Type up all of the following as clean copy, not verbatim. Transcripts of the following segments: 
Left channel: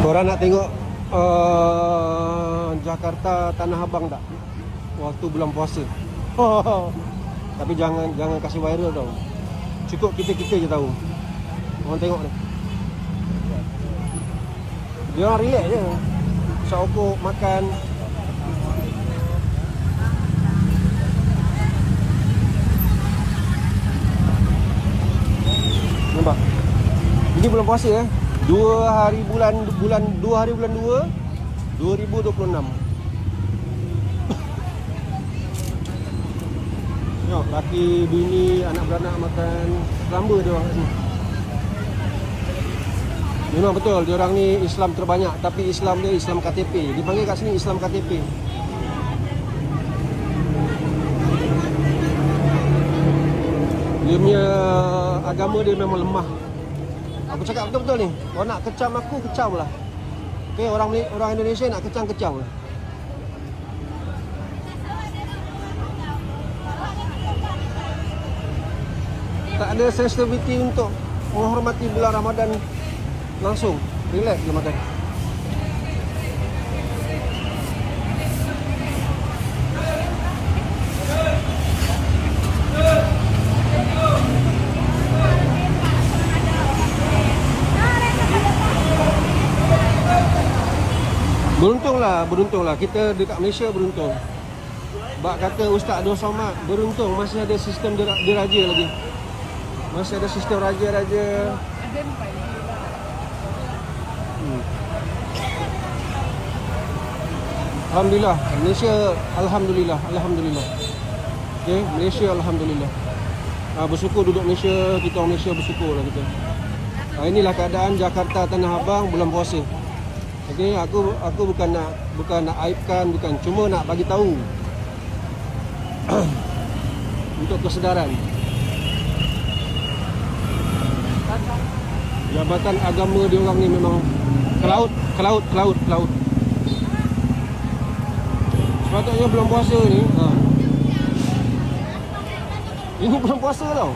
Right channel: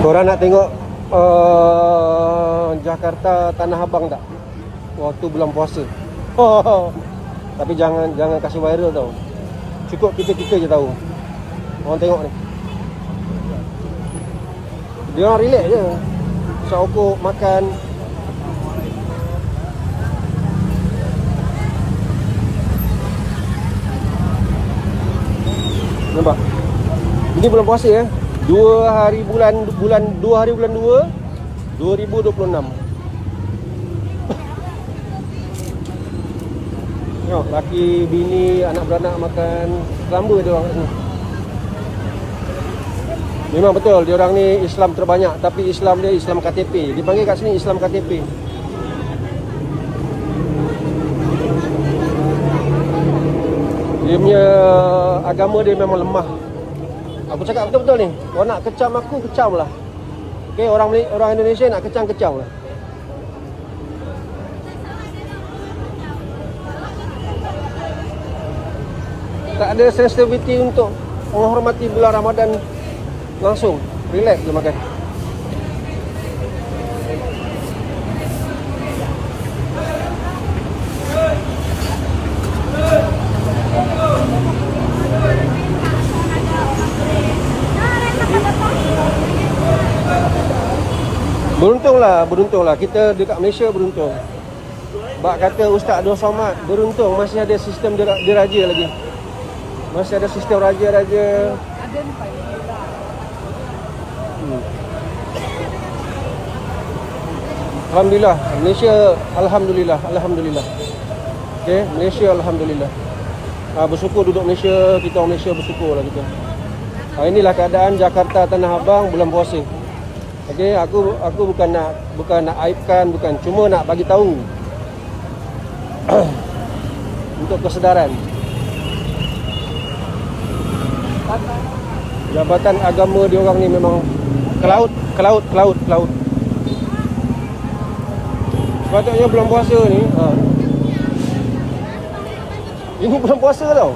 Korang nak tengok Jakarta Tanah Abang tak? Waktu bulan puasa. Tapi jangan kasih viral tau. Cukup kita je tahu. Orang tengok ni. Dia orang relax je. Sokok makan. Nampak? Ini bulan puasa ya. 2 hari bulan 2 2026. Tengok laki bini anak beranak makan gambar dia orang ni. Memang betul dia orang ni Islam terbanyak, tapi Islam dia Islam KTP. Dipanggil kat sini Islam KTP. Dia punya agama dia memang lemah. Aku cakap betul-betul ni. Kau nak kecam aku, kecam lah. Okay, orang Indonesia nak kecam lah. Tak ada sensitivity untuk menghormati bulan Ramadan langsung. Relax je makan. Beruntunglah kita dekat Malaysia beruntung. Bak kata Ustaz Abdul Somad beruntung masih ada sistem diraja lagi. Masih ada sistem raja-raja. Alhamdulillah, Malaysia alhamdulillah. Okey, Malaysia alhamdulillah. Bersyukur duduk Malaysia, kita orang Malaysia bersyukurlah kita. Inilah keadaan Jakarta Tanah Abang bulan puasa. Okey, aku bukan nak aibkan, bukan, cuma nak bagi tahu untuk kesedaran. Jabatan agama dia orang ni memang ke laut. Sepatutnya bulan puasa ni ini bulan puasa tau.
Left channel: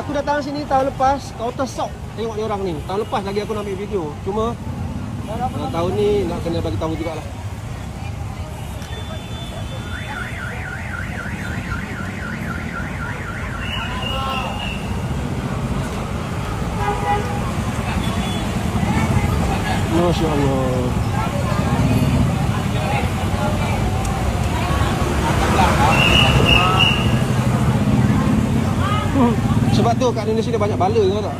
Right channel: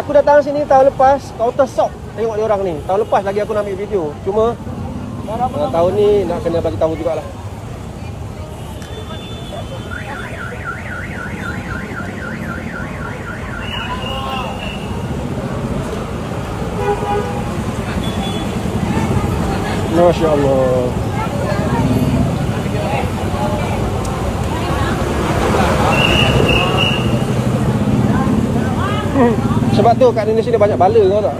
Aku datang sini tahun lepas, counter shock tengok dia orang ni. Tahun lepas lagi aku nak ambil video. Cuma tahun ni nak kena bagi tahu jugalah. Masya Allah. Sebab tu kat Indonesia dia banyak bala, tau tak?